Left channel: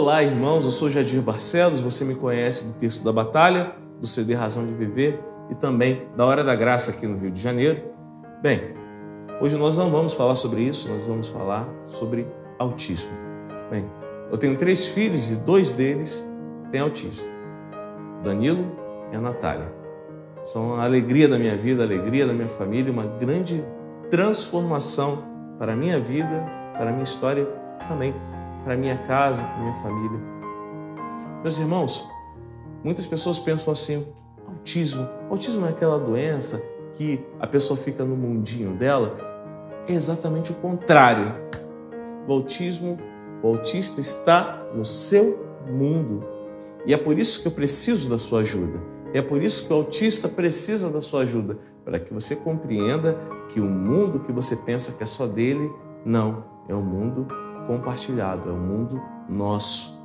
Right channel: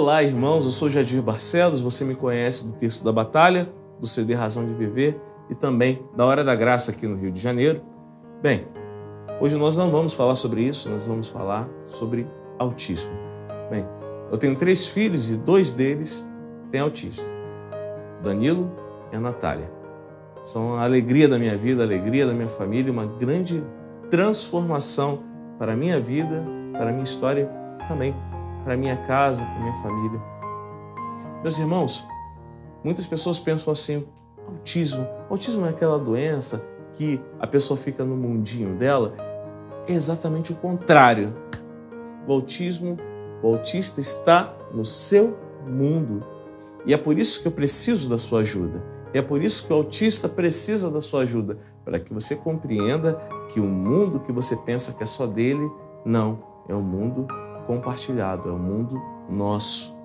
Olá, irmãos, eu sou Jadir Barcelos, você me conhece do Terço da Batalha, do CD Razão de Viver e também da Hora da Graça aqui no Rio de Janeiro. Bem, hoje nós não vamos falar sobre isso, nós vamos falar sobre autismo. Bem, eu tenho 3 filhos e 2 deles têm autismo, Danilo e a Natália. São a alegria da minha vida, a alegria da minha família, uma grande transformação para a minha vida, para a minha história também, para a minha casa, para a minha família. Meus irmãos, muitas pessoas pensam assim, autismo é aquela doença que a pessoa fica no mundinho dela. É exatamente o contrário. O autista está no seu mundo. E é por isso que eu preciso da sua ajuda. É por isso que o autista precisa da sua ajuda, para que você compreenda que o mundo que você pensa que é só dele, não, é um mundo compartilhado, é um mundo nosso.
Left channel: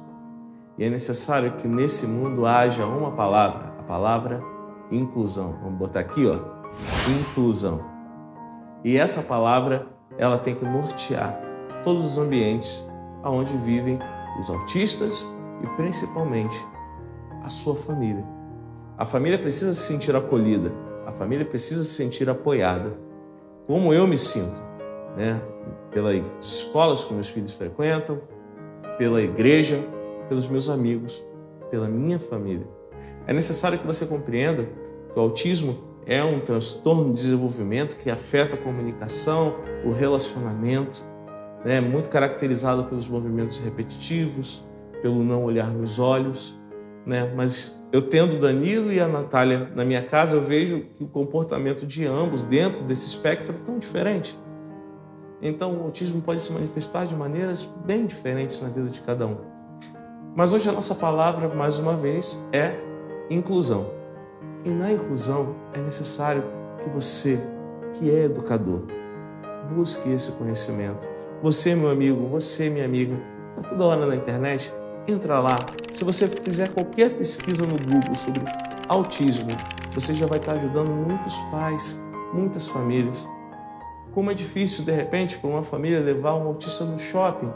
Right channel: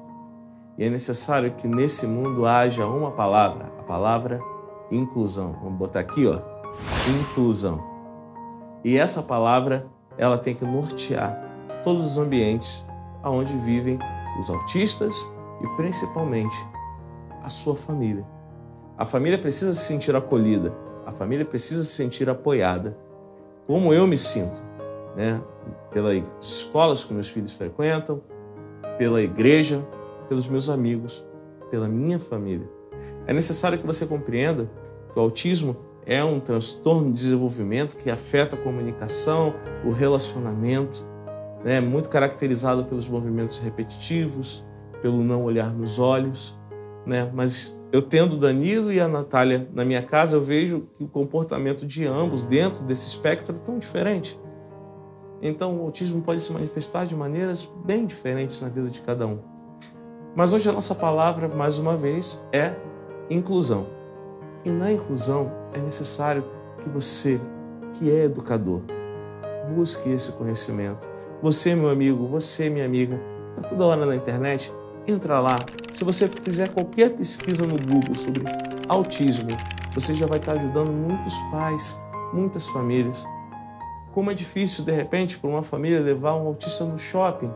E é necessário que nesse mundo haja uma palavra, a palavra inclusão. Vamos botar aqui, ó, inclusão. E essa palavra, ela tem que nortear todos os ambientes onde vivem os autistas e principalmente a sua família. A família precisa se sentir acolhida, a família precisa se sentir apoiada. Como eu me sinto, né? Pelas escolas que meus filhos frequentam, pela igreja, pelos meus amigos, pela minha família. É necessário que você compreenda que o autismo é um transtorno de desenvolvimento que afeta a comunicação, o relacionamento, né? Muito caracterizado pelos movimentos repetitivos, pelo não olhar nos olhos, né? Mas eu tendo o Danilo e a Natália na minha casa, eu vejo que o comportamento de ambos dentro desse espectro é tão diferente. Então o autismo pode se manifestar de maneiras bem diferentes na vida de cada um. Mas hoje a nossa palavra, mais uma vez, é inclusão. E na inclusão é necessário que você, que é educador, busque esse conhecimento. Você, meu amigo, você, minha amiga, que está toda hora na internet, entra lá. Se você fizer qualquer pesquisa no Google sobre autismo, você já vai estar ajudando muitos pais, muitas famílias. Como é difícil, de repente, para uma família levar um autista no shopping,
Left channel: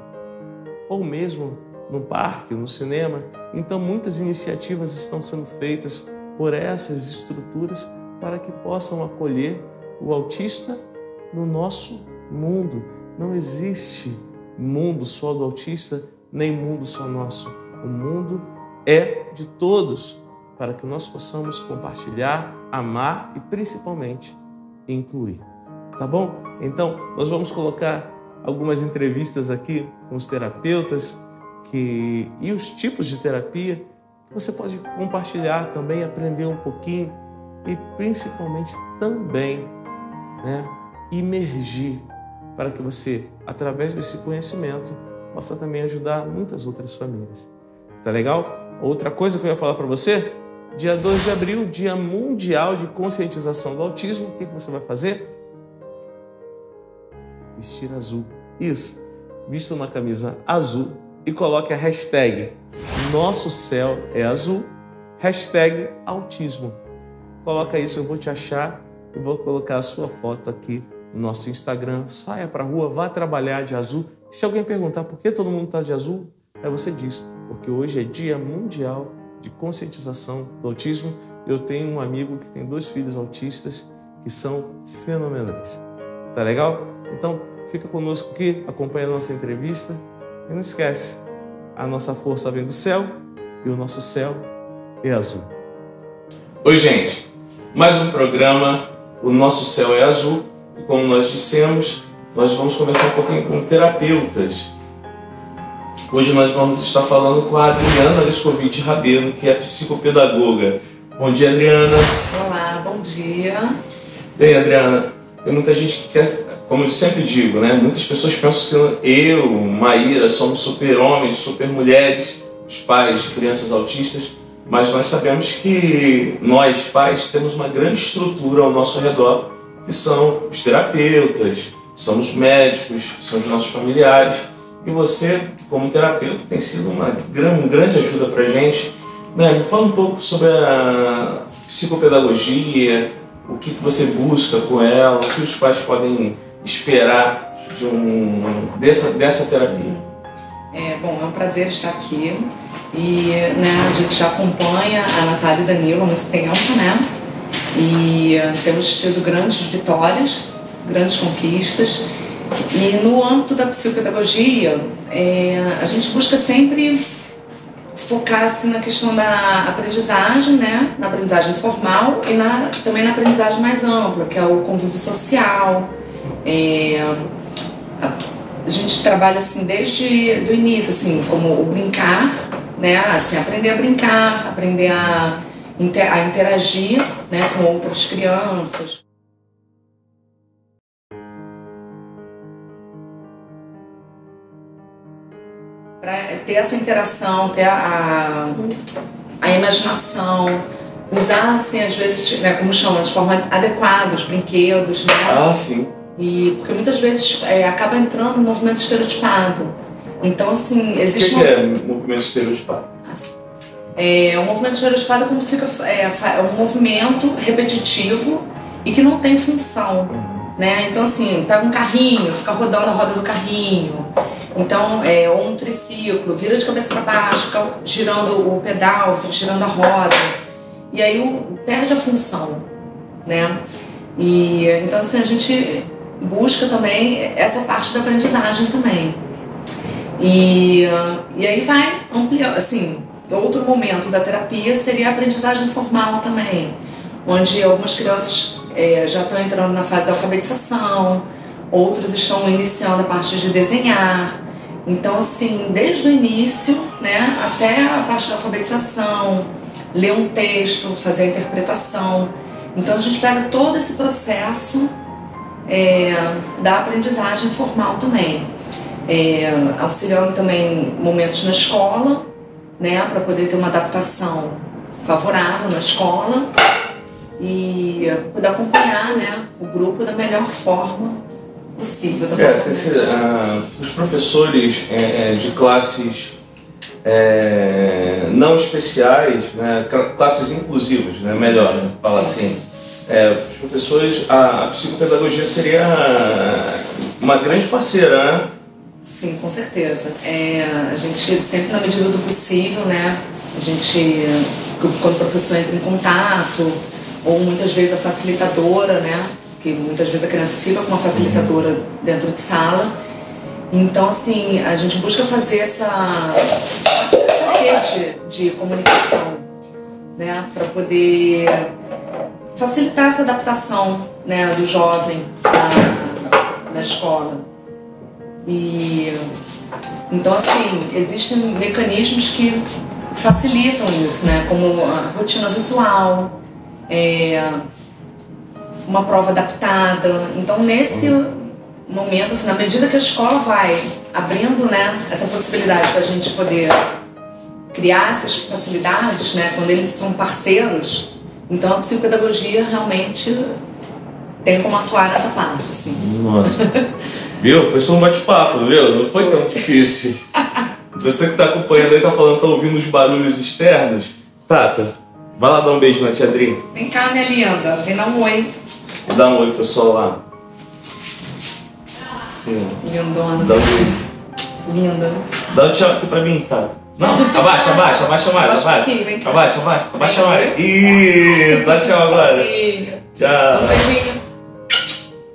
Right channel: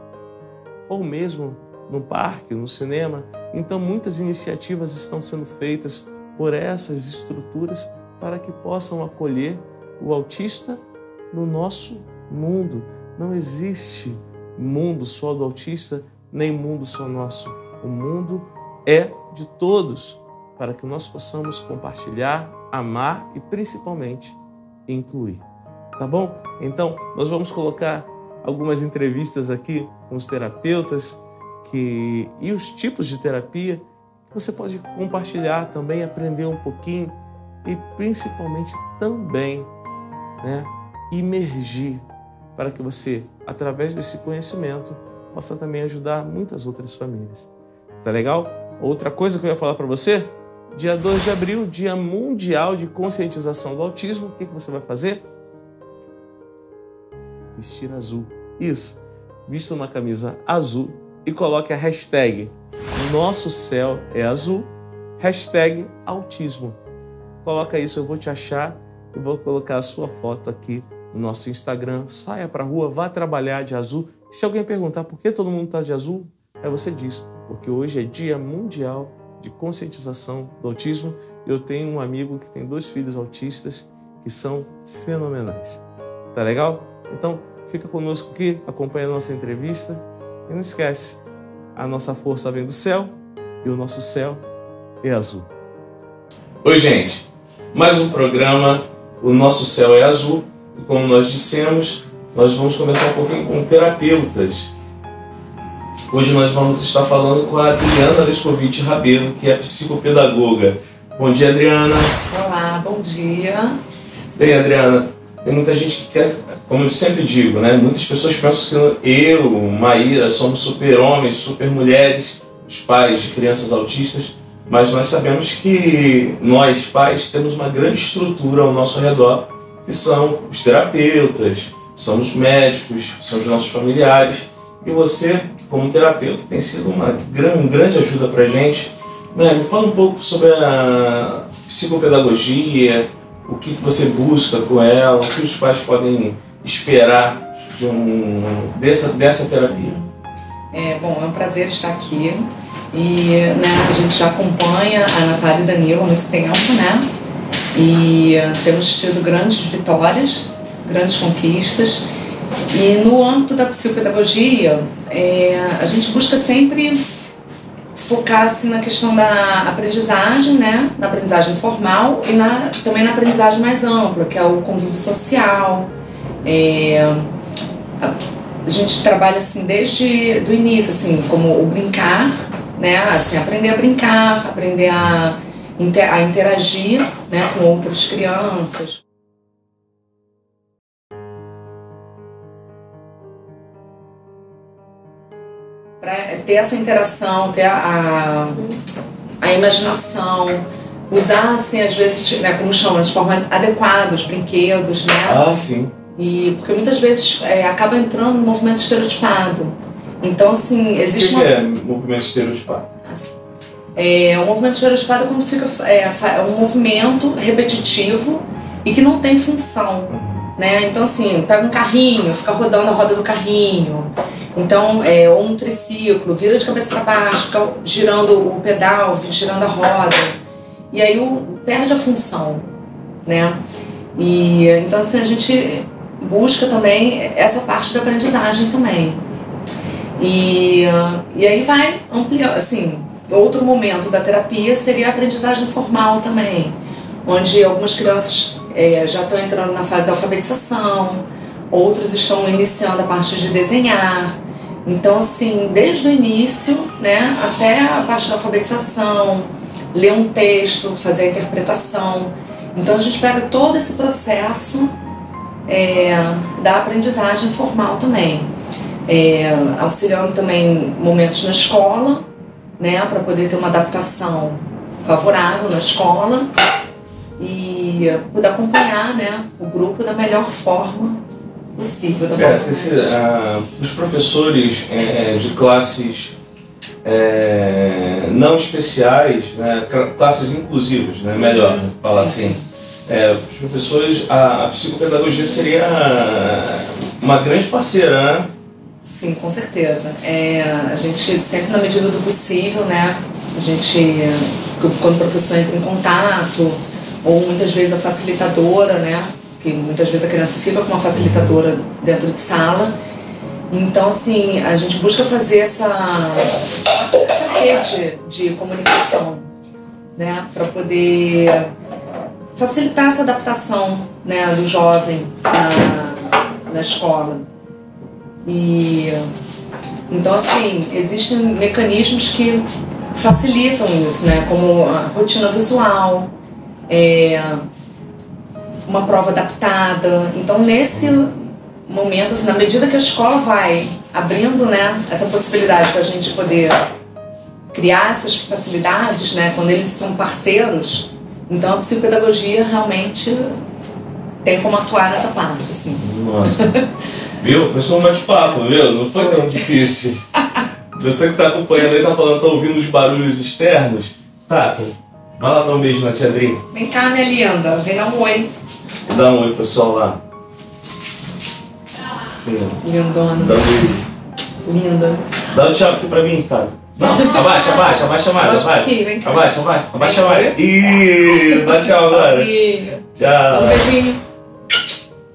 ou mesmo no parque, no cinema. Então, muitas iniciativas estão sendo feitas por essas estruturas para que possam acolher o autista no nosso mundo. Não existe mundo só do autista, nem mundo só nosso. O mundo é de todos, para que nós possamos compartilhar, amar e principalmente incluir. Tá bom? Então, nós vamos colocar algumas entrevistas aqui com os terapeutas e os tipos de terapia que você pode compartilhar também, aprender um pouquinho e principalmente também, né, imergir para que você, através desse conhecimento, possa também ajudar muitas outras famílias. Tá legal? Outra coisa que eu ia falar para você, dia 2 de abril, Dia Mundial de Conscientização do Autismo, o que você vai fazer? Vestir azul. Isso. Vista uma camisa azul e coloque a hashtag Nosso Céu é Azul, hashtag autismo. Coloca isso, eu vou te achar e vou colocar a sua foto aqui no nosso Instagram. Saia para a rua, vá trabalhar de azul. E se alguém perguntar por que todo mundo está de azul, aí você diz, porque hoje é Dia Mundial de Conscientização do Autismo. Eu tenho um amigo que tem 2 filhos autistas que são fenomenais. Tá legal? Então, fica conosco aqui, acompanha a nossa entrevista e não esquece, a nossa força vem do céu e o nosso céu é azul. Oi, gente, mais um programa, o Nosso Céu é Azul, e como nós dissemos, nós vamos conversar um pouquinho com terapeutas. Hoje nós vamos estar falando com a Adriana Lescovitch Rabelo, que é psicopedagoga. Bom dia, Adriana. Olá, bom dia. Bem, Adriana, tem muita gente que quer, como eu sempre digo, né? Muitas pessoas pensam que eu, Maíra, somos super-homens, super-mulheres, os pais de crianças autistas, mas nós sabemos que nós, pais, temos uma grande estrutura ao nosso redor, que são os terapeutas, são os médicos, são os nossos familiares. E você, como terapeuta, tem sido uma grande ajuda para a gente. Né? Me fala um pouco sobre a psicopedagogia, o que você busca com ela, o que os pais podem esperar dessa terapia. Bom, é um prazer estar aqui e a gente já acompanha a Natália e Danilo há muito tempo, né? E temos tido grandes vitórias, grandes conquistas. E no âmbito da psicopedagogia, a gente busca sempre focar assim, na questão da aprendizagem, né? Na aprendizagem formal e também na aprendizagem mais ampla, que é o convívio social. A gente trabalha assim desde o início, assim, como o brincar, né? Assim, aprender a brincar, aprender a interagir, né, com outras crianças. Para ter essa interação, ter a imaginação, usar, assim, às vezes, né, como chama, de forma adequada os brinquedos, né? Ah, sim. Porque muitas vezes acaba entrando no movimento estereotipado. Então, assim, existe... O que é movimento estereotipado? O movimento estereotipado é quando fica um movimento repetitivo e que não tem função, né? Então, assim, pega um carrinho, fica rodando a roda do carrinho. Então, ou um triciclo, vira de cabeça para baixo, fica girando o pedal, girando a roda. E aí perde a função, né? Então, assim, a gente busca também essa parte da aprendizagem também. E aí vai ampliando, assim, outro momento da terapia seria a aprendizagem formal também, onde algumas crianças já estão entrando na fase da alfabetização, outros estão iniciando a parte de desenhar. Então, assim, desde o início, né, até a parte da alfabetização, ler um texto, fazer a interpretação. Então, a gente pega todo esse processo da aprendizagem formal também, auxiliando também momentos na escola, né, para poder ter uma adaptação favorável na escola e poder acompanhar, né, o grupo da melhor forma possível. Os professores de classes não especiais, né, classes inclusivas, né, melhor falar assim. Os professores, a psicopedagogia seria uma grande parceira, né? Sim, com certeza. A gente sempre, na medida do possível, né? A gente, quando o professor entra em contato, ou muitas vezes a facilitadora, né? Que muitas vezes a criança fica com uma facilitadora dentro de sala. Então, assim, a gente busca fazer essa rede de comunicação, né? Para poder facilitar essa adaptação, né, do jovem na escola. Então, assim, existem mecanismos que facilitam isso, né? Como a rotina visual, uma prova adaptada. Então, nesse momento, assim, na medida que a escola vai abrindo, né, essa possibilidade da gente poder criar essas facilidades, né, quando eles são parceiros, então a psicopedagogia realmente tem como atuar nessa parte, assim. Nossa. Viu? Foi só um bate-papo, viu? Não foi tão difícil. Você que está acompanhando aí, tá falando, tá ouvindo os barulhos externos. Tata, vai lá dar um beijo na tia Adri. Vem cá, minha linda. Vem dar um oi. Dá um oi, pessoal, lá. Sim. Lindona. Dá um beijo. Linda. Dá um tchau aqui pra mim, Tata. Não, abaixa mais, abaixa mais. Vem cá. Abaixa mais. Ih, dá tchau agora. Tchau. Dá um beijinho.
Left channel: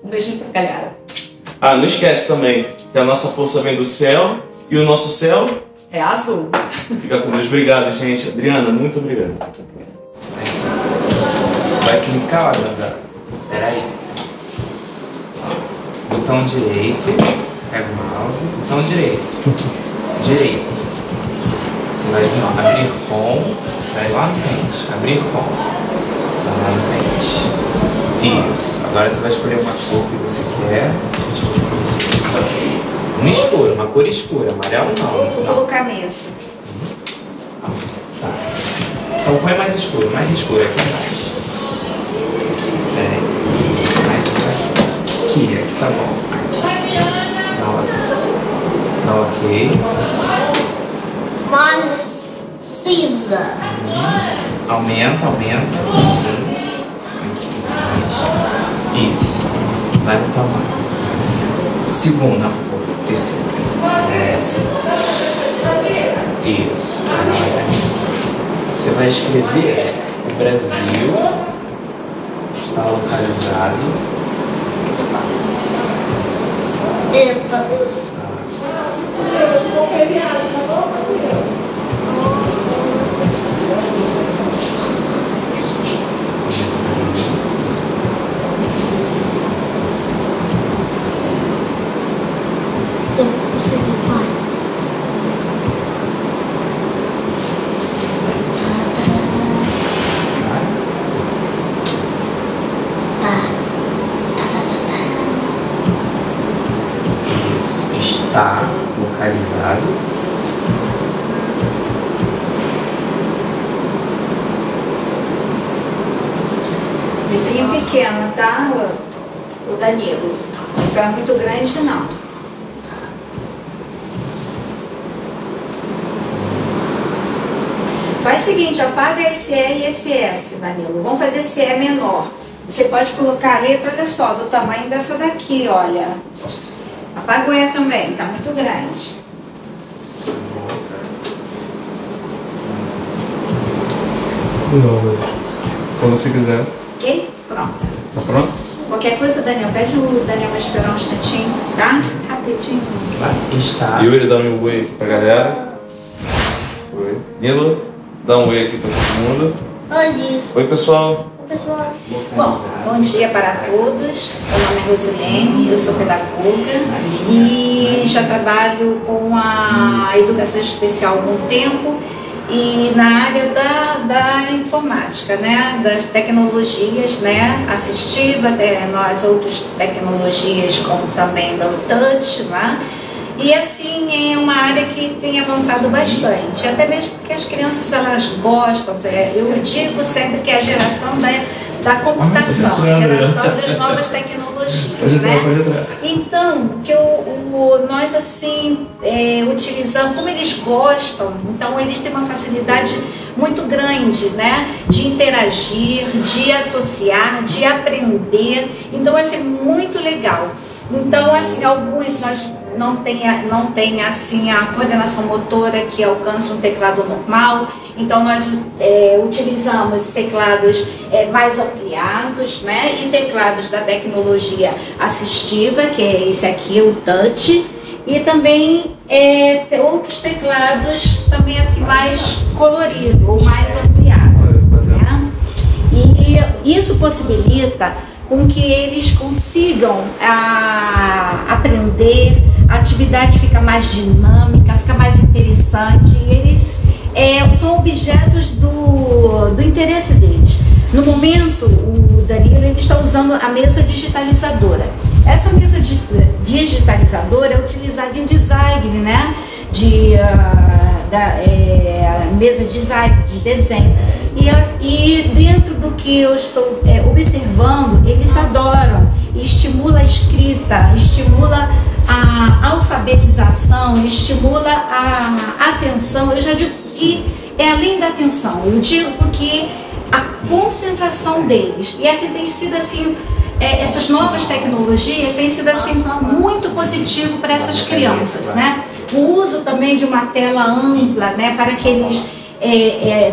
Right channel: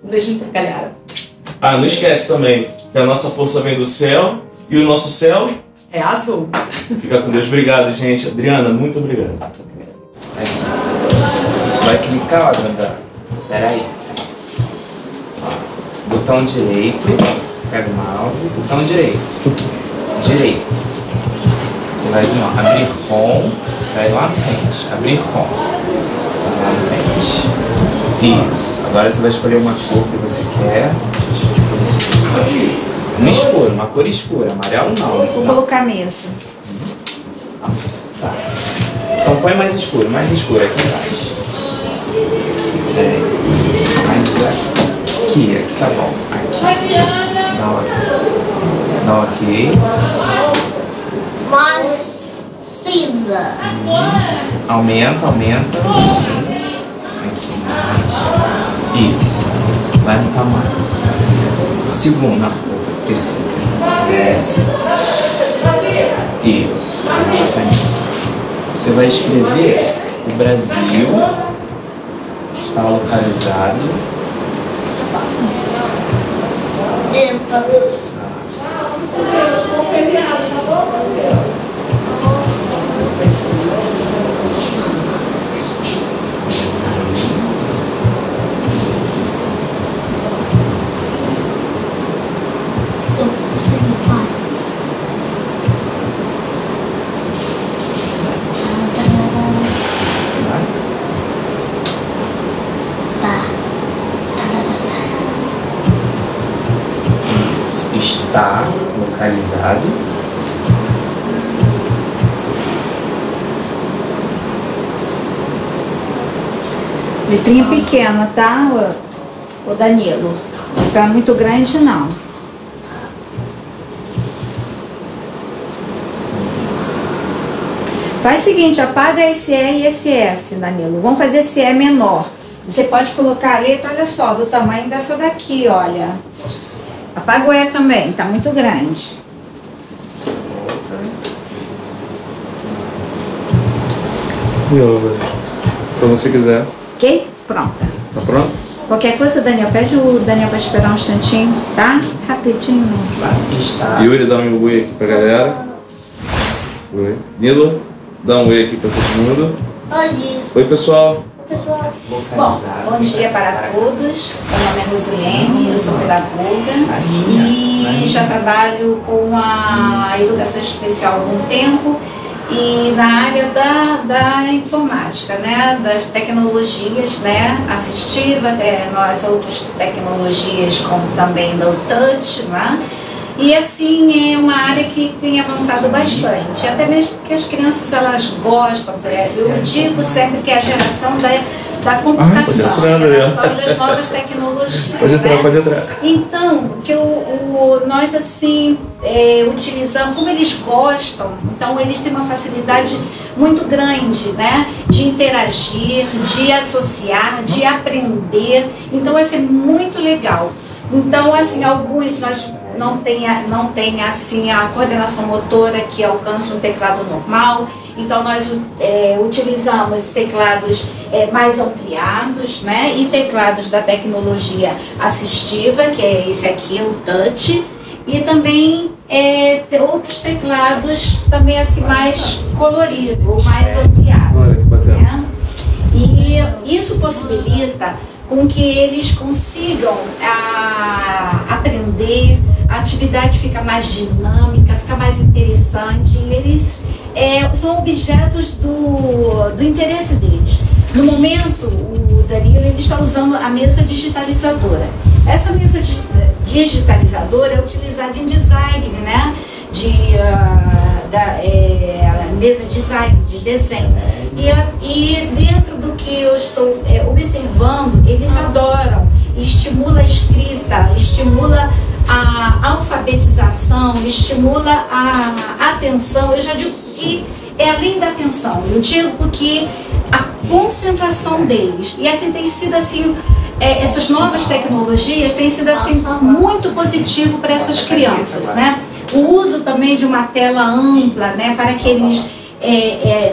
Um beijinho pra galera. Ah, não esquece também que a nossa força vem do céu e o nosso céu é azul. Fica com Deus. Obrigado, gente. Adriana, muito obrigado. Vai clicar, ó, Danda. Pera aí. Botão direito. Pega o mouse. Botão direito. Direito. Você vai vir, ó, abrir com. Vai lá na frente. Abrir com. Vai lá na frente. Isso. Agora você vai escolher uma cor que você quer. Deixa eu escolher pra você. Uma escura, uma cor escura. Amarelo não. Vou colocar mesmo. Tá. Então põe mais escuro aqui embaixo. Aqui tá bom. Aqui. Dá ok. Mais cinza. Aumenta. Sim. Aqui mais. Isso. Vai no tamanho. Segunda. Terceira. Desce. Isso. Você vai escrever o Brasil está localizado. Epa. Eu consegui, pai. Isso. Está localizado. Letrinha pequena, tá, o Danilo? Letra muito grande, não. Faz o seguinte, apaga esse E e esse S, Danilo. Vamos fazer esse E menor. Você pode colocar a letra, olha só, do tamanho dessa daqui, olha. Apaga o E também, tá muito grande. Não, como você quiser. Ok? Pronta. Tá pronto? Qualquer coisa, Daniel, pede o Daniel para esperar um instantinho, tá? Rapidinho. Está. Yuri, dá um oi aqui pra galera. Oi. Nilo, dá um oi aqui pra todo mundo. Oi, Oi, pessoal. pessoal. Bom, bom dia para todos. Meu nome é Rosilene, eu sou pedagoga e já trabalho com a educação especial há algum tempo e na área da informática, né, das tecnologias, né, assistiva, nós outras tecnologias como também do touch, né? E assim, é uma área que tem avançado bastante, até mesmo porque as crianças elas gostam, eu digo sempre que é a geração da computação, a geração das novas tecnologias, né? Então, que nós assim utilizamos, como eles gostam, então eles têm uma facilidade muito grande, né, de interagir, de associar, de aprender, então vai ser muito legal. Então, assim, alguns nós não tem assim a coordenação motora que alcança um teclado normal, então nós utilizamos teclados mais ampliados, né, e teclados da tecnologia assistiva, que é esse aqui, o touch, e também outros teclados também assim mais colorido ou mais ampliado, né? E isso possibilita com que eles consigam aprender, a atividade fica mais dinâmica, fica mais interessante, e eles são objetos do interesse deles. No momento, o Danilo ele está usando a mesa digitalizadora. Essa mesa digitalizadora é utilizada em design, né? Mesa de design, de desenho. E dentro do que eu estou observando, eles adoram, estimula a escrita, estimula a alfabetização, estimula a atenção. Eu já digo que é além da atenção, eu digo que a concentração deles, e assim tem sido assim, essas novas tecnologias têm sido assim muito positivo para essas crianças, né? O uso também de uma tela ampla, né, para que eles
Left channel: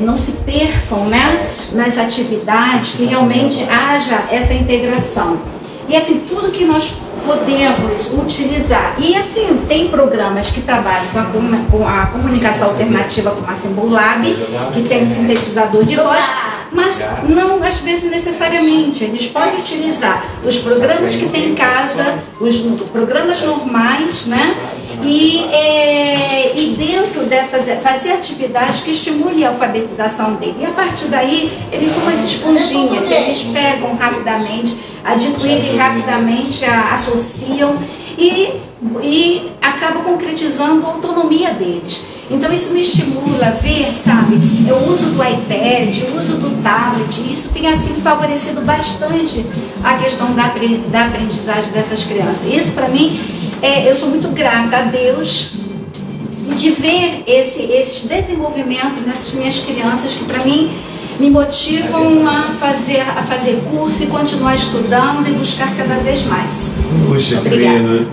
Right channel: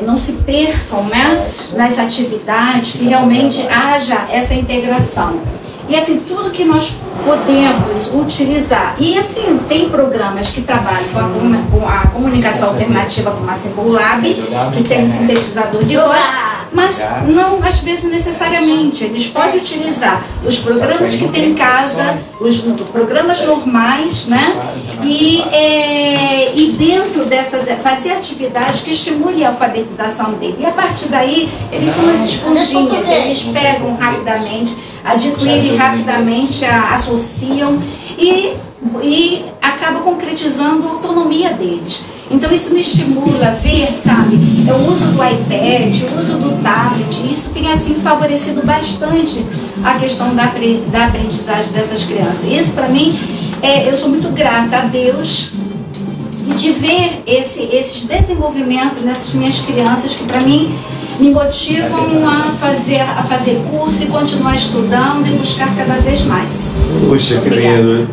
não se percam, né, nas atividades, que realmente haja essa integração. E assim, tudo que nós podemos utilizar. E assim, tem programas que trabalham com a comunicação alternativa, como a Symbol Lab, que tem um sintetizador de voz, mas não, às vezes, necessariamente. Eles podem utilizar os programas que tem em casa, os programas normais, né? E dentro dessas, fazer atividades que estimulem a alfabetização dele. E a partir daí, eles são umas esponjinhas, eles pegam rapidamente, adquirem rapidamente, associam e acaba concretizando a autonomia deles. Então isso me estimula a ver, sabe, o uso do iPad, o uso do tablet, isso tem assim favorecido bastante a questão da aprendizagem dessas crianças. Isso para mim, eu sou muito grata a Deus de ver esses desenvolvimentos nessas minhas crianças, que para mim me motivam a fazer curso e continuar estudando e buscar cada vez mais. Puxa, que lindo.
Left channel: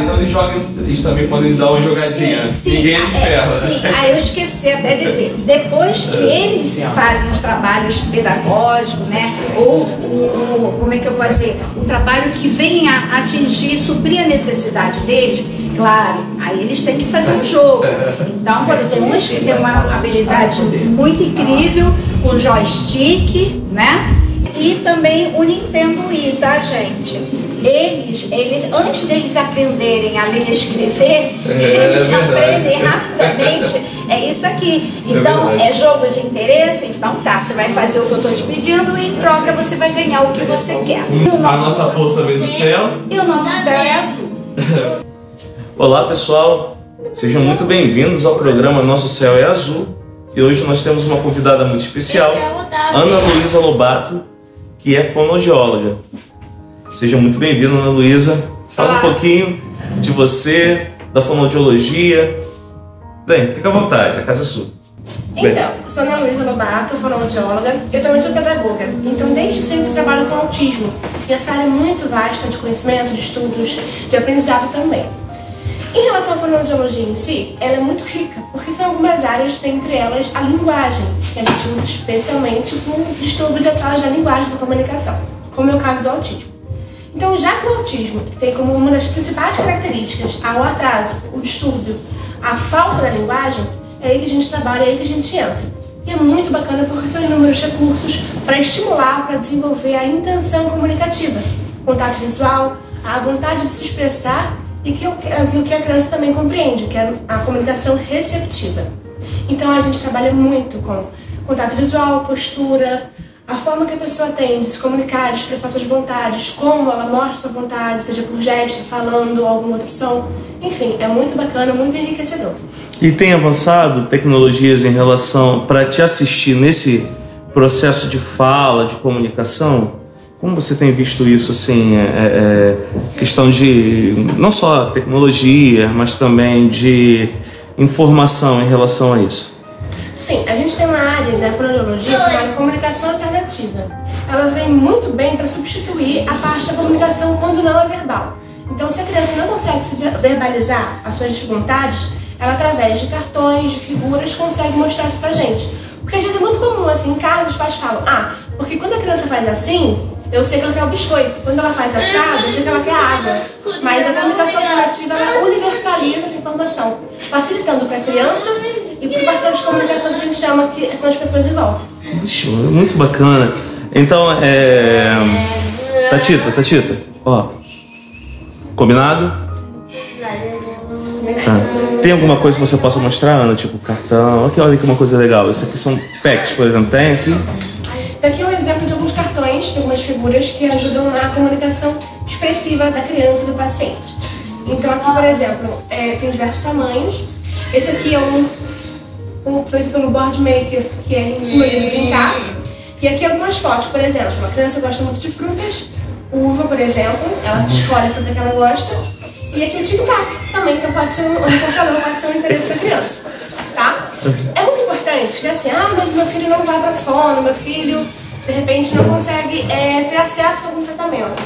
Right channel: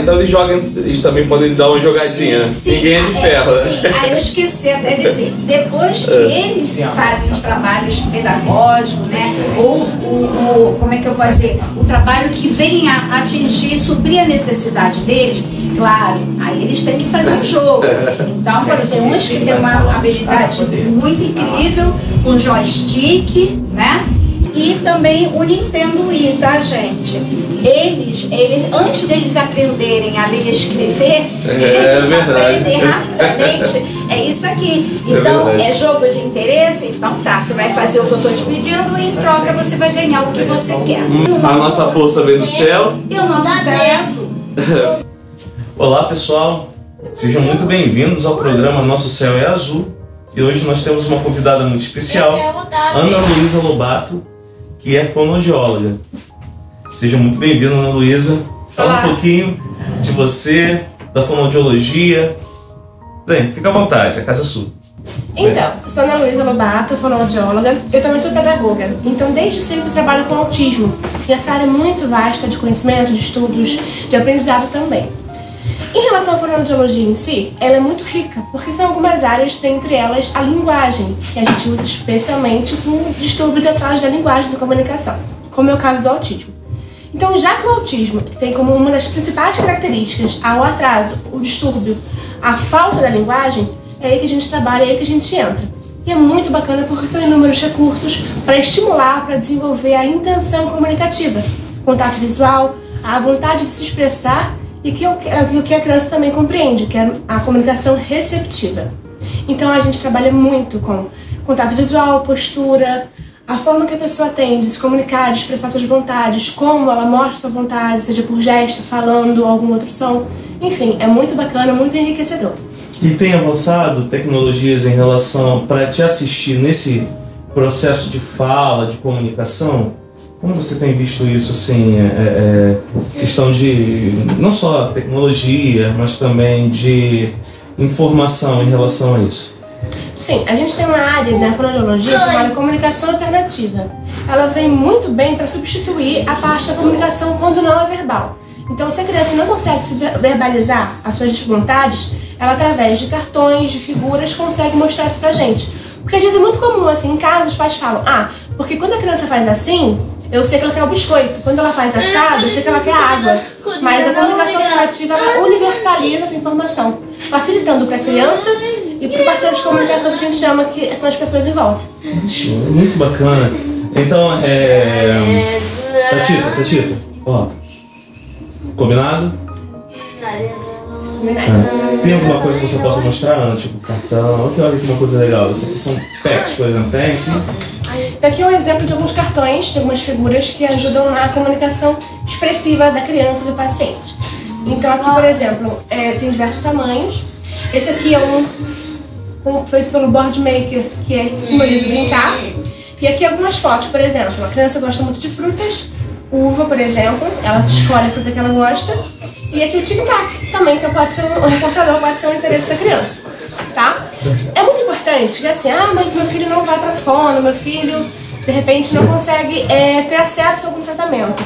Então eles também podem dar uma jogadinha. Sim, Ninguém é de ferro. Sim, eu esqueci até de dizer. Depois que eles fazem os trabalhos pedagógicos, né? Ou como é que eu vou dizer? O trabalho que vem a atingir, suprir a necessidade deles, claro, aí eles têm que fazer um jogo. Então, por exemplo, tem uns que têm uma habilidade muito incrível, com joystick, né? E também o Nintendo Wii, tá, gente? Eles antes deles aprenderem a ler e escrever, eles aprendem rapidamente. É isso aqui. Então, é jogo de interesse? Então tá, você vai fazer o que eu tô te pedindo e em troca você vai ganhar o que você quer. A nossa força vem do céu. E o nosso céu é azul. Olá, pessoal. Sejam muito bem-vindos ao programa Nosso Céu é Azul. E hoje nós temos uma convidada muito especial, Ana Luísa Lobato, que é fonoaudióloga. Seja muito bem-vinda, Ana Luísa. Fala um pouquinho de você, da fonoaudiologia. Bem, fica à vontade, a casa é sua. Então, eu sou Ana Luísa Lobato, fonoaudióloga. Eu também sou pedagoga, então desde sempre trabalho com autismo. E essa área é muito vasta de conhecimento, de estudos, de aprendizado também. Em relação à fonoaudiologia em si, ela é muito rica, porque são algumas áreas, dentre elas a linguagem, que a gente usa especialmente com distúrbios e atrasos da linguagem da comunicação, como é o caso do autismo. Então, já que o autismo tem como uma das principais características o atraso, o distúrbio, a falta da linguagem, é aí que a gente trabalha, é aí que a gente entra. E é muito bacana porque são inúmeros recursos para estimular, para desenvolver a intenção comunicativa, contato visual, a vontade de se expressar e o que a criança também compreende, que é a comunicação receptiva. Então a gente trabalha muito com contato visual, postura, a forma que a pessoa tem de se comunicar, de expressar suas vontades, como ela mostra sua vontade, seja por gesto, falando, algum outro som. Enfim, é muito bacana, muito enriquecedor. E tem avançado tecnologias em relação para te assistir nesse processo de fala, de comunicação? Como você tem visto isso, assim, questão de não só tecnologia, mas também de informação em relação a isso? Sim, a gente tem uma área da fonoaudiologia chamada comunicação alternativa. Ela vem muito bem para substituir a parte da comunicação quando não é verbal. Então, se a criança não consegue se verbalizar as suas vontades, ela, através de cartões, de figuras, consegue mostrar isso pra gente. Porque às vezes é muito comum, assim, em casa os pais falam, porque quando a criança faz assim, eu sei que ela quer o biscoito. Quando ela faz assado, eu sei que ela quer água. Mas a comunicação alternativa, ela universaliza essa informação, facilitando para a criança e para o parceiro de comunicação que a gente chama, que são as pessoas em volta. Muito bacana. Então, Tatita, ó, combinado? Tem alguma coisa que você possa mostrar, Ana? Tipo cartão? Olha aqui uma coisa legal. Esses aqui são packs, por exemplo. Tem aqui? Daqui é um exemplo de alguns cartões, de algumas figuras que ajudam na comunicação expressiva da criança e do paciente. Então aqui, por exemplo, tem diversos tamanhos. Esse aqui é um feito pelo Board Maker, que simboliza brincar. E aqui algumas fotos, por exemplo, a criança gosta muito de frutas, uva, por exemplo, ela escolhe a fruta que ela gosta. E aqui o tic-tac também, que pode ser um reforçador, pode ser um interesse da criança, tá? É muito importante que assim, mas meu filho não vai para fono, meu filho de repente não consegue ter acesso a algum tratamento.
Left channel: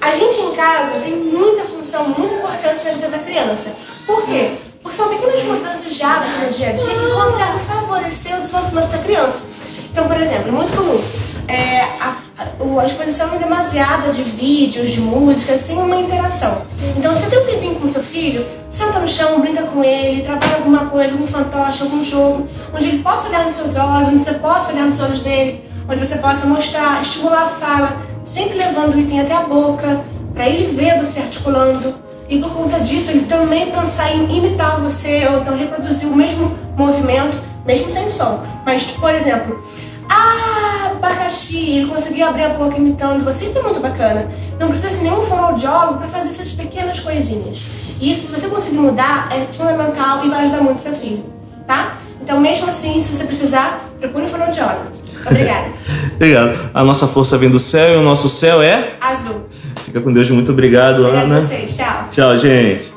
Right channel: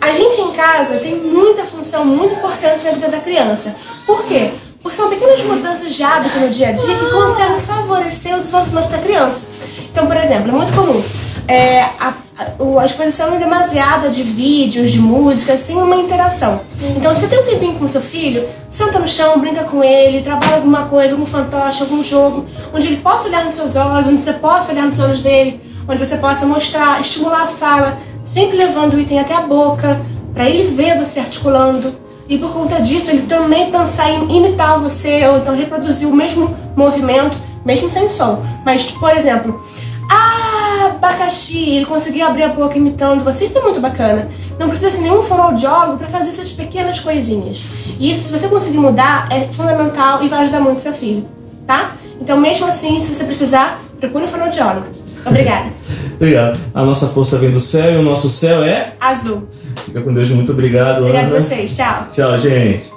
A gente em casa tem muita função, muito importante na vida da criança. Por quê? Porque são pequenas mudanças de hábito no dia a dia que conseguem favorecer o desenvolvimento da criança. Então, por exemplo, é muito comum a exposição demasiada de vídeos, de música, sem uma interação. Então, você tem um tempinho com seu filho, senta no chão, brinca com ele, trabalha alguma coisa, algum fantoche, algum jogo, onde ele possa olhar nos seus olhos, onde você possa olhar nos olhos dele, onde você possa mostrar, estimular a fala, sempre levando o item até a boca, para ele ver você articulando. E por conta disso, ele também pensar em imitar você, ou então reproduzir o mesmo movimento, mesmo sem som. Mas, por exemplo, abacaxi, ele conseguir abrir a boca imitando você, isso é muito bacana. Não precisa ser nenhum fonoaudiólogo para fazer essas pequenas coisinhas. E isso, se você conseguir mudar, é fundamental e vai ajudar muito seu filho, tá? Então, mesmo assim, se você precisar, procure um fonoaudiólogo. Obrigada. Obrigado. A nossa força vem do céu e o nosso céu é azul. Fica com Deus, muito obrigado, Obrigada Ana. a vocês, tchau. Tchau, gente.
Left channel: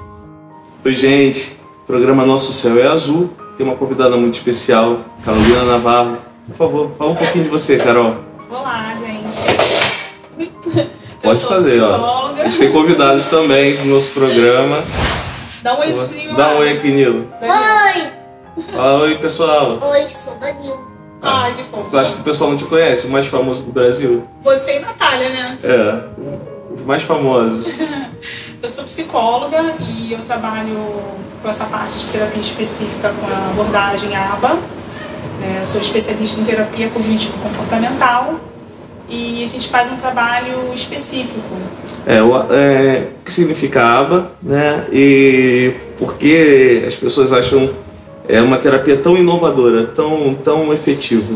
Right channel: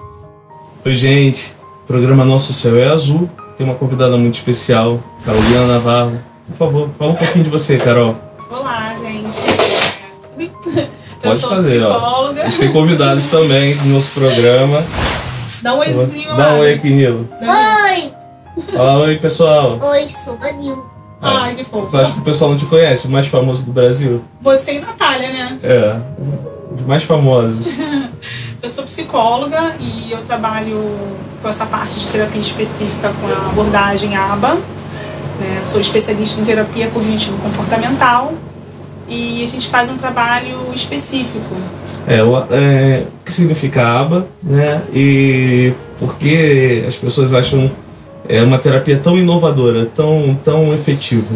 Oi, gente. O programa Nosso Céu é Azul. Tem uma convidada muito especial, Carolina Navarro. Por favor, fala um pouquinho de você, Carol. Olá, gente. Pode fazer, psicóloga. A gente tem convidados também no nosso programa. Dá um oizinho Dá lá. um oi aqui, Nilo. Oi! Fala oi, pessoal. Oi, sou Danilo. Ai, que fofo. Tu acha que o pessoal não te conhece? O mais famoso do Brasil? Você e Natália, né? É, os mais famosos. Eu sou psicóloga e eu trabalho com essa parte de terapia específica com a abordagem ABA. Né? Eu sou especialista em terapia cognitivo-comportamental e a gente faz um trabalho específico. O que significa ABA, né? E por que as pessoas acham uma terapia tão inovadora, tão efetiva?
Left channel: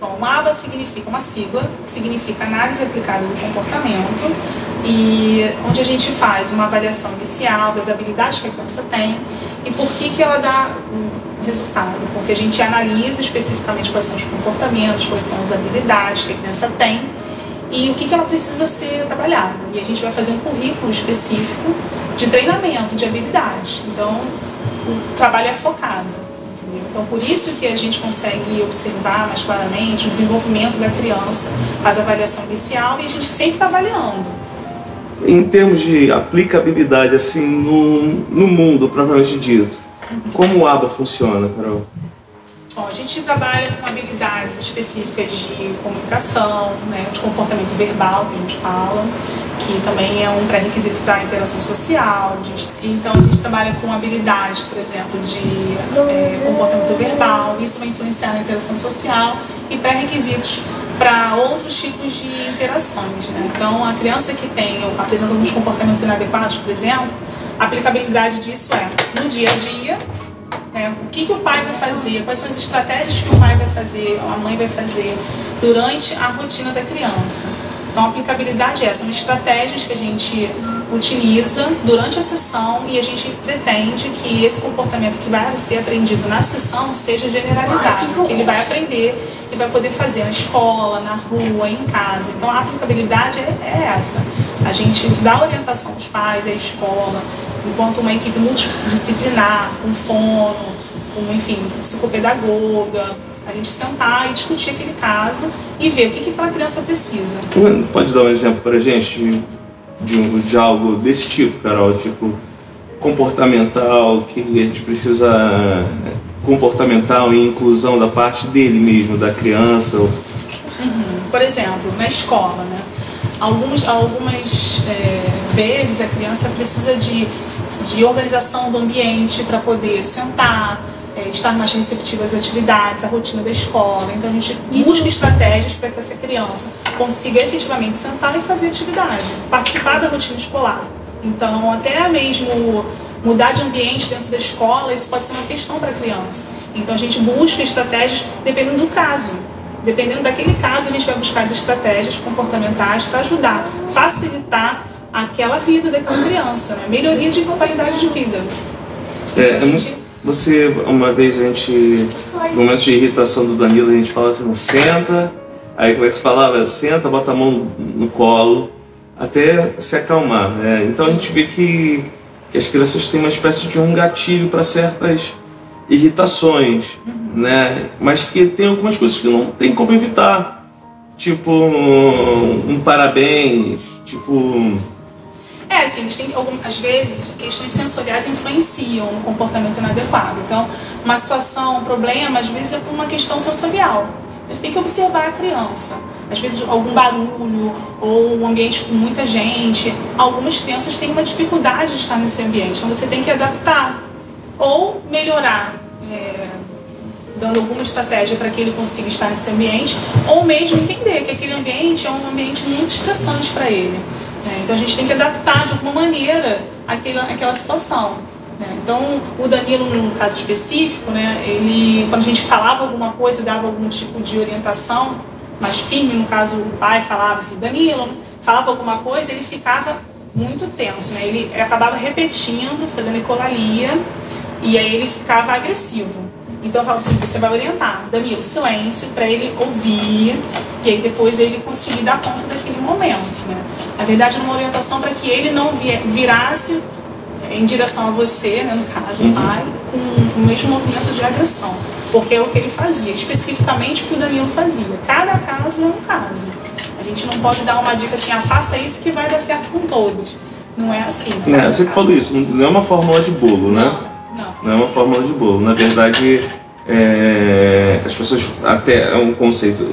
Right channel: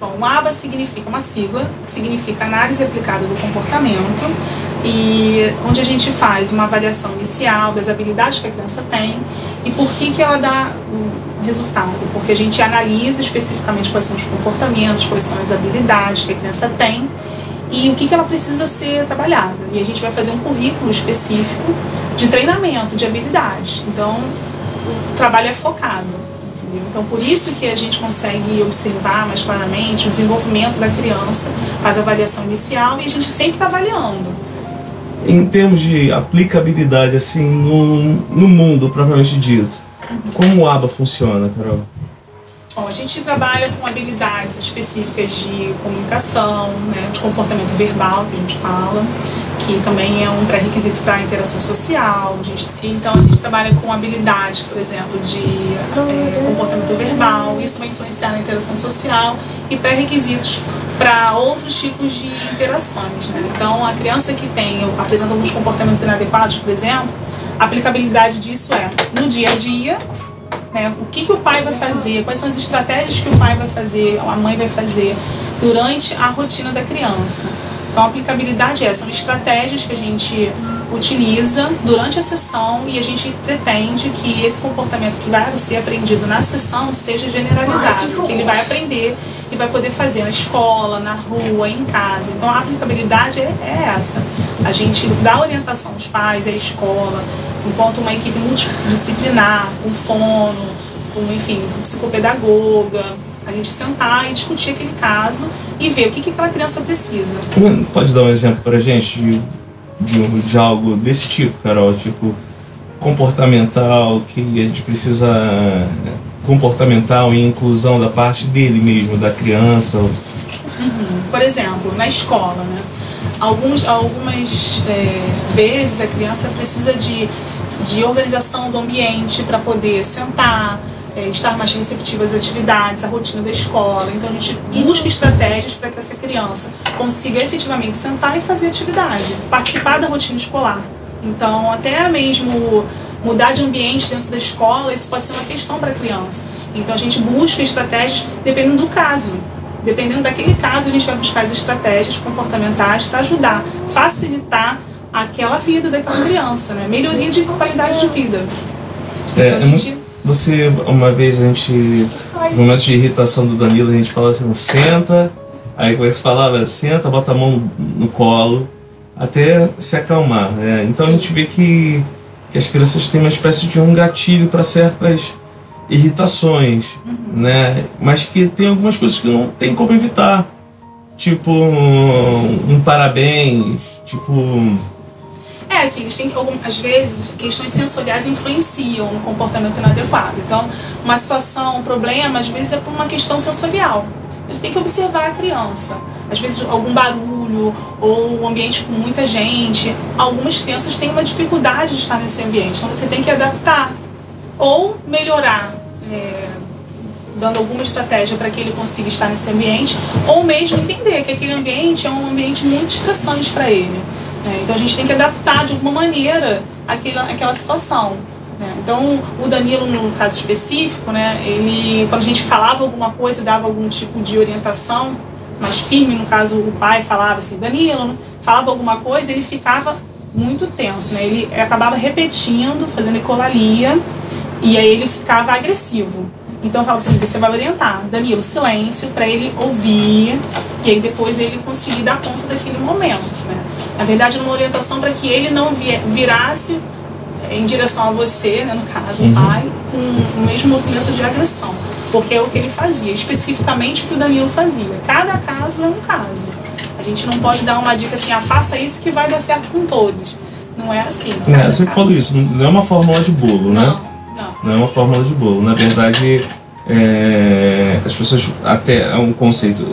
Bom, o ABA significa uma sigla, que significa Análise Aplicada do Comportamento, e onde a gente faz uma avaliação inicial das habilidades que a criança tem e por que ela dá o resultado. Porque a gente analisa especificamente quais são os comportamentos, quais são as habilidades que a criança tem e o que ela precisa ser trabalhada. E a gente vai fazer um currículo específico de treinamento de habilidades. Então, o trabalho é focado. Então, por isso que a gente consegue observar mais claramente o desenvolvimento da criança, faz a avaliação inicial e a gente sempre está avaliando. Em termos de aplicabilidade, assim, no mundo propriamente dito, como o ABA funciona, Carol? Bom, a gente trabalha com habilidades específicas de comunicação, né, de comportamento verbal, que a gente fala, que também é um pré-requisito para a interação social. Então, a gente trabalha com habilidades, por exemplo, de comportamento verbal, isso vai influenciar na interação social, e pré-requisitos para outros tipos de interações. Né? Então, a criança que apresenta alguns comportamentos inadequados, por exemplo, a aplicabilidade disso é no dia a dia. O que o pai vai fazer, quais são as estratégias que o pai vai fazer, a mãe vai fazer durante a rotina da criança. Então a aplicabilidade são estratégias que a gente utiliza durante a sessão e a gente pretende que esse comportamento que vai ser aprendido na sessão seja generalizado, que ele vai aprender e vai poder fazer na escola, na rua, em casa. Então a aplicabilidade é essa. A gente dá orientação aos pais, à escola, enquanto uma equipe multidisciplinar, com fono, com psicopedagoga, a gente sentar e discutir aquele caso e ver o que aquela criança precisa. Pode dar um exemplo pra gente de algo desse tipo, Carol? Tipo, comportamental, que a gente precisa... comportamental e inclusão da parte dele mesmo, da criança. Por exemplo, na escola, né? Algumas vezes a criança precisa de organização do ambiente para poder sentar, estar mais receptiva às atividades, à rotina da escola. Então a gente busca estratégias para que essa criança consiga efetivamente sentar e fazer atividade, participar da rotina escolar. Então até mesmo mudar de ambiente dentro da escola, isso pode ser uma questão para a criança. Então a gente busca estratégias dependendo do caso. Dependendo daquele caso, a gente vai buscar as estratégias comportamentais para ajudar, facilitar aquela vida daquela criança, né? Melhoria de qualidade de vida. Você, uma vez no momento de irritação do Danilo, a gente fala assim, senta, aí como é que se falava? Senta, bota a mão no colo, até se acalmar, né? Então a gente vê que as crianças têm uma espécie de um gatilho para certas irritações, né? Mas que tem algumas coisas que não tem como evitar, tipo um parabéns, tipo... Assim, eles têm, às vezes, questões sensoriais influenciam no comportamento inadequado. Então, uma situação, um problema, às vezes é por uma questão sensorial. A gente tem que observar a criança. Às vezes, algum barulho ou um ambiente com muita gente. Algumas crianças têm uma dificuldade de estar nesse ambiente, então você tem que adaptar ou melhorar, dando alguma estratégia para que ele consiga estar nesse ambiente, ou mesmo entender que aquele ambiente é um ambiente muito estressante para ele. Então a gente tem que adaptar de alguma maneira aquela situação. Então o Danilo, no caso específico, ele, quando a gente falava alguma coisa, dava algum tipo de orientação mais firme, no caso o pai falava assim, Danilo, falava alguma coisa, ele ficava muito tenso, ele acabava repetindo, fazendo ecolalia, e aí ele ficava agressivo. Então eu falava assim, você vai orientar, Danilo, silêncio, para ele ouvir, e aí depois ele conseguir dar conta daquele momento, Na verdade, uma orientação para que ele não virasse em direção a você, no caso, o pai, com o mesmo movimento de agressão. porque é o que ele fazia, especificamente o que o Danilo fazia. Cada caso é um caso. A gente não pode dar uma dica assim, faça isso que vai dar certo com todos. Não é assim. Você que falou isso, não é uma fórmula de bolo, né? Não é uma fórmula de bolo. Na verdade, as pessoas até é um conceito,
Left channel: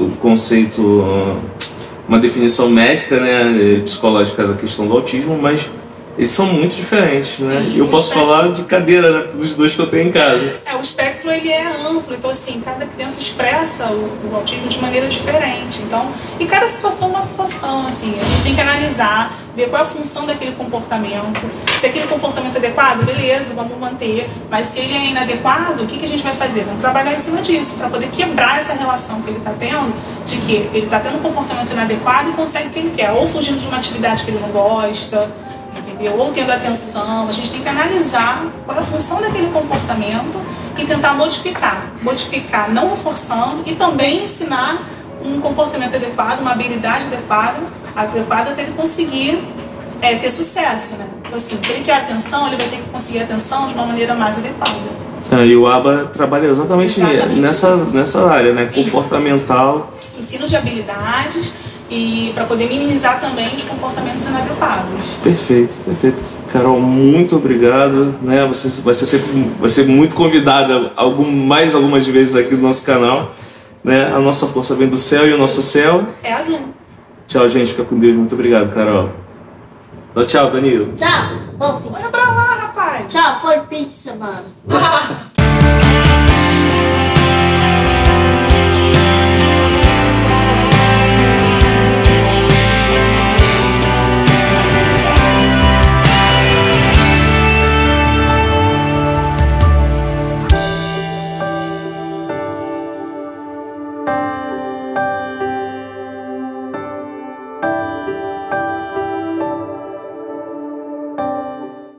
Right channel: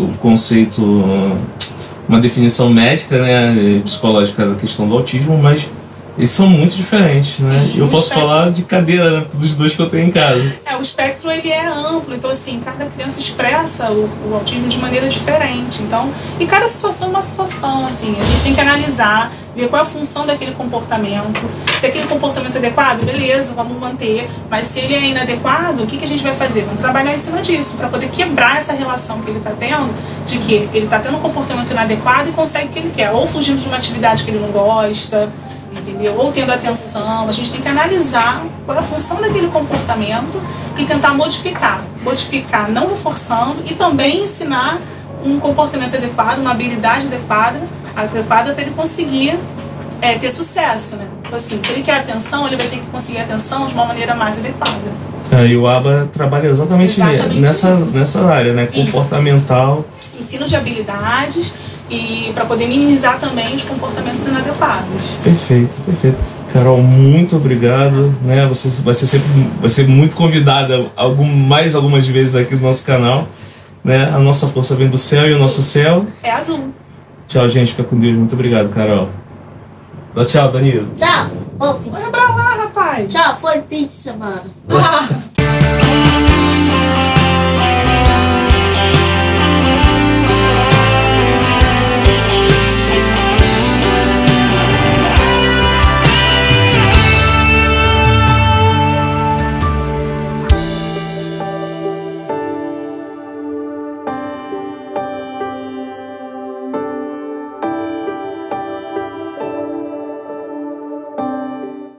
uma definição médica, né, psicológica da questão do autismo, mas eles são muito diferentes, né? Sim, eu posso falar de cadeira, né, dos dois que eu tenho em casa. O espectro ele é amplo, então assim, cada criança expressa o autismo de maneira diferente. Então, e cada situação é uma situação, assim, a gente tem que analisar, ver qual é a função daquele comportamento. Se aquele comportamento é adequado, beleza, vamos manter. Mas se ele é inadequado, o que a gente vai fazer? Vamos trabalhar em cima disso, para poder quebrar essa relação que ele está tendo, de que ele está tendo um comportamento inadequado e consegue o que ele quer, ou fugindo de uma atividade que ele não gosta, entendeu? Ou tendo atenção. A gente tem que analisar qual é a função daquele comportamento e tentar modificar, não reforçando, e também ensinar um comportamento adequado, uma habilidade adequada para ele conseguir ter sucesso, né? Então assim, se ele quer atenção, ele vai ter que conseguir atenção de uma maneira mais adequada. E o ABA trabalha exatamente nessa área, né? Comportamental. Ensino de habilidades e para poder minimizar também os comportamentos inadequados. Perfeito. Carol, muito obrigado, né? Você vai ser muito convidada mais algumas vezes aqui no nosso canal, né? A nossa força vem do céu e o nosso céu é azul. Tchau, gente, fica com Deus. Muito obrigado, Carol. Tchau, Danilo. Tchau. Olha pra lá, rapaz. Tchau, foi fim de semana.